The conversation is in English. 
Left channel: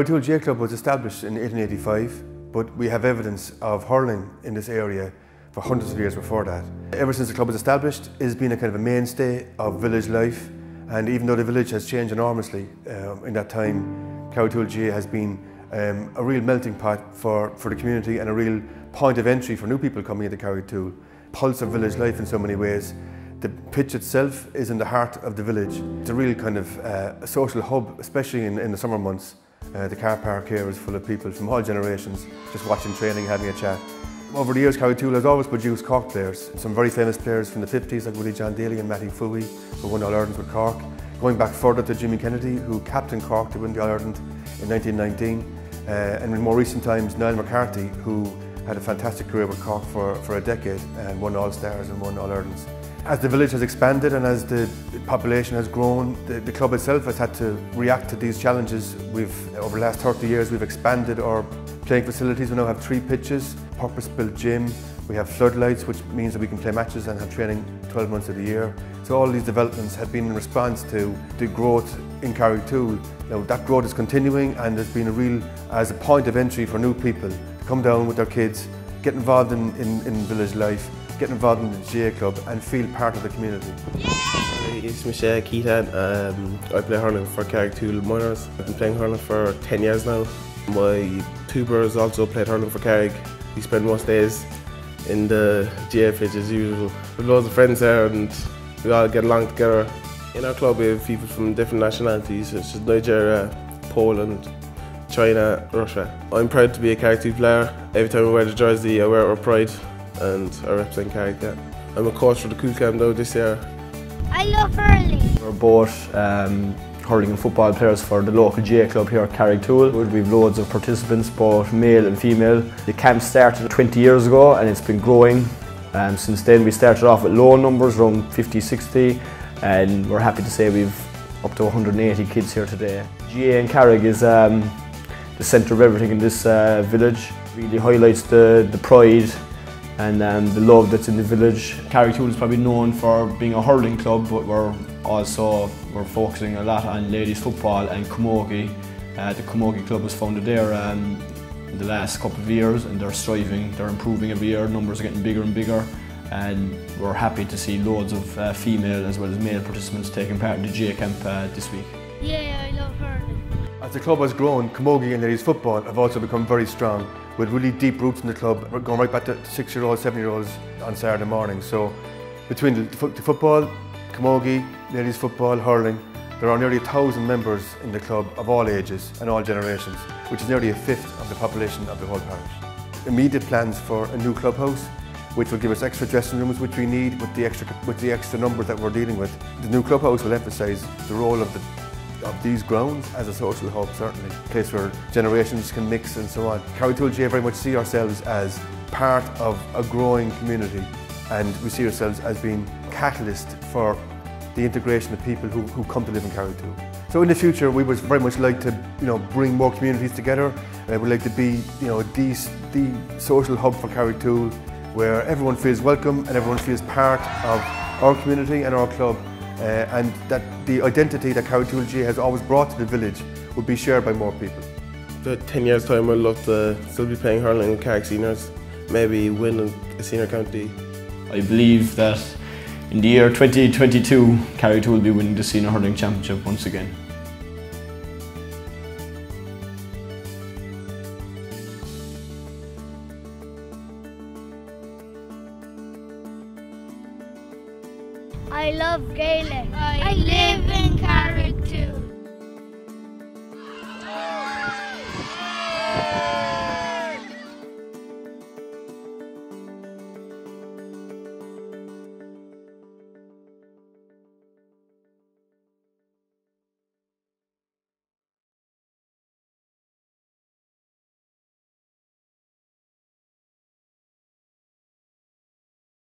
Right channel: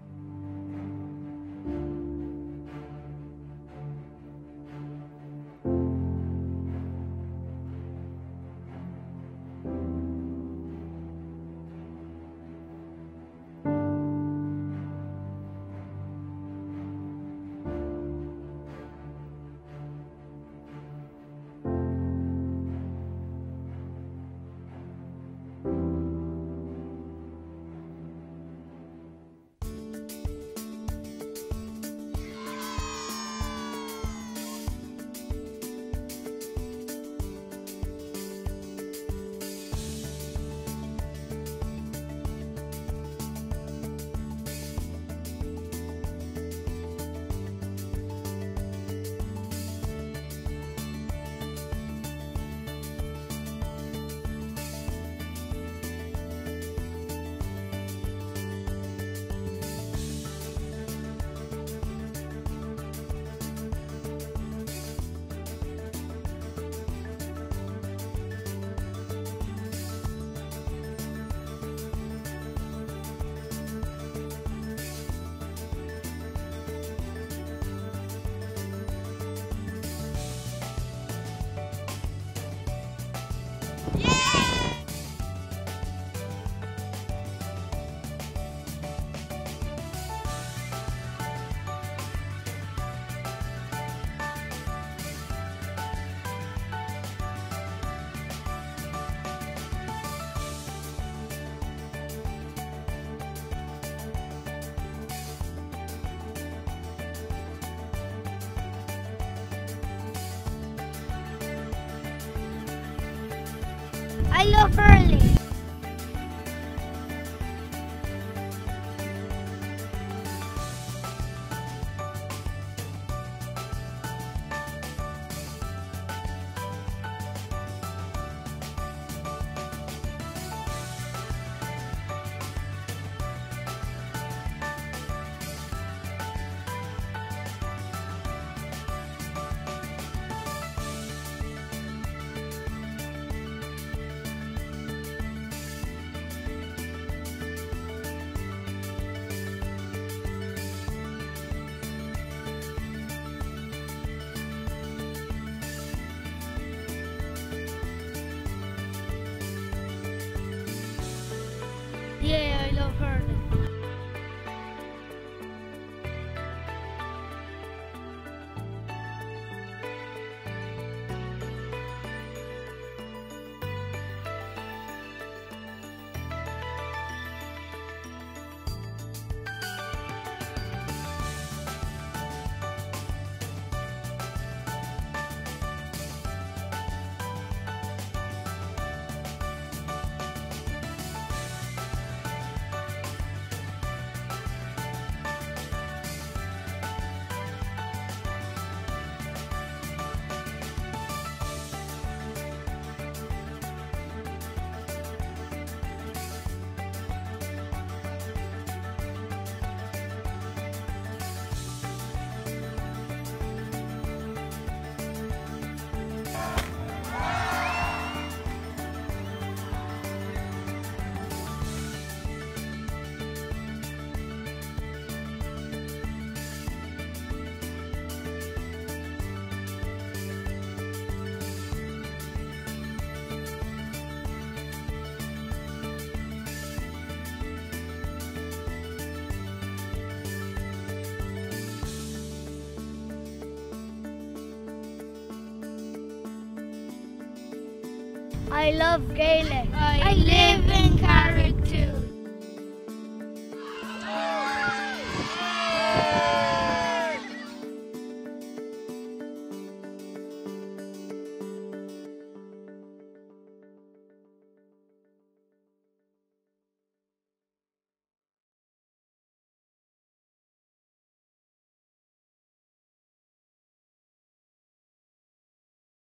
Carrigtwohill GAA Club was established in 1885, but we have evidence of hurling in this area for hundreds of years before that. Ever since the club was established, it has been a kind of a mainstay of village life, and even though the village has changed enormously in that time, Carrigtwohill GAA has been a real melting pot for the community and a real point of entry for new people coming into Carrigtwohill. Pulse of village life in so many ways. The pitch itself is in the heart of the village. It's a real kind of a social hub, especially in the summer months. The car park here is full of people from all generations, just watching training, having a chat. Over the years, Carrigtwohill has always produced Cork players. Some very famous players from the 50s, like Willie John Daly and Matty Fooey, who won All-Ireland with Cork. Going back further to Jimmy Kennedy, who captained Cork to win the All-Ireland in 1919. And in more recent times, Niall McCarthy, who had a fantastic career with Cork for a decade and won All-Stars and won All-Irelands. As the village has expanded and as the population has grown, the club itself has had to react to these challenges. Over the last 30 years, we've expanded our playing facilities. We now have 3 pitches, purpose-built gym. We have floodlights, which means that we can play matches and have training 12 months of the year. So all these developments have been in response to the growth in Carrigtwohill. Now that growth is continuing, and there's been as a point of entry for new people to come down with their kids, get involved in village life, get involved in the GAA Club and feel part of the community. It's Michelle Keaton. I play hurling for Carrigtwohill Minors. I've been playing hurling for 10 years now. My 2 brothers also played hurling for Carrig. We spend most days in the GAA pitch as usual. We've loads of friends there and we all get along together. In our club we have people from different nationalities, such as Nigeria, Poland, China, Russia. I'm proud to be a Carrigtwohill player. Every time I wear the jersey I wear it with pride and I represent Carrig. I'm a coach for the Cool Camp now this year. I love hurling. We're both hurling and football players for the local GAA club here at Carrigtwohill. We have loads of participants, both male and female. The camp started 20 years ago and it's been growing. Since then we started off with low numbers, around 50, 60, and we're happy to say we've up to 180 kids here today. GAA in Carrig is the centre of everything in this village. It really highlights the pride and the love that's in the village. Carrigtwohill is probably known for being a hurling club, but we're focusing a lot on ladies football and camogie. The camogie club was founded there in the last couple of years, and they're striving, they're improving every year, numbers are getting bigger and bigger, and we're happy to see loads of female as well as male participants taking part in the GAA camp this week. Yeah, I love hurling. As the club has grown, camogie and ladies football have also become very strong, with really deep roots in the club. We're going right back to 6-year-olds, 7-year-olds on Saturday morning. So between the football, camogie, ladies football, hurling, there are nearly 1,000 members in the club of all ages and all generations, which is nearly a fifth of the population of the whole parish. Immediate plans for a new clubhouse, which will give us extra dressing rooms, which we need with the extra numbers that we're dealing with. The new clubhouse will emphasise the role of these grounds as a social hub, certainly, a place where generations can mix and so on. Carrigtwohill GAA very much see ourselves as part of a growing community, and we see ourselves as being catalyst for the integration of people who come to live in Carrigtwohill. So in the future we would very much like to bring more communities together. We'd like to be the social hub for Carrigtwohill, where everyone feels welcome and everyone feels part of our community and our club. And that the identity that Carrigtwohill GAA has always brought to the village will be shared by more people. In 10 years time I'd love to still be playing hurling with Carrig seniors, maybe win a senior county. I believe that in the year 2022 Carrigtwohill will be winning the senior hurling championship once again. I love Gaelic. I live in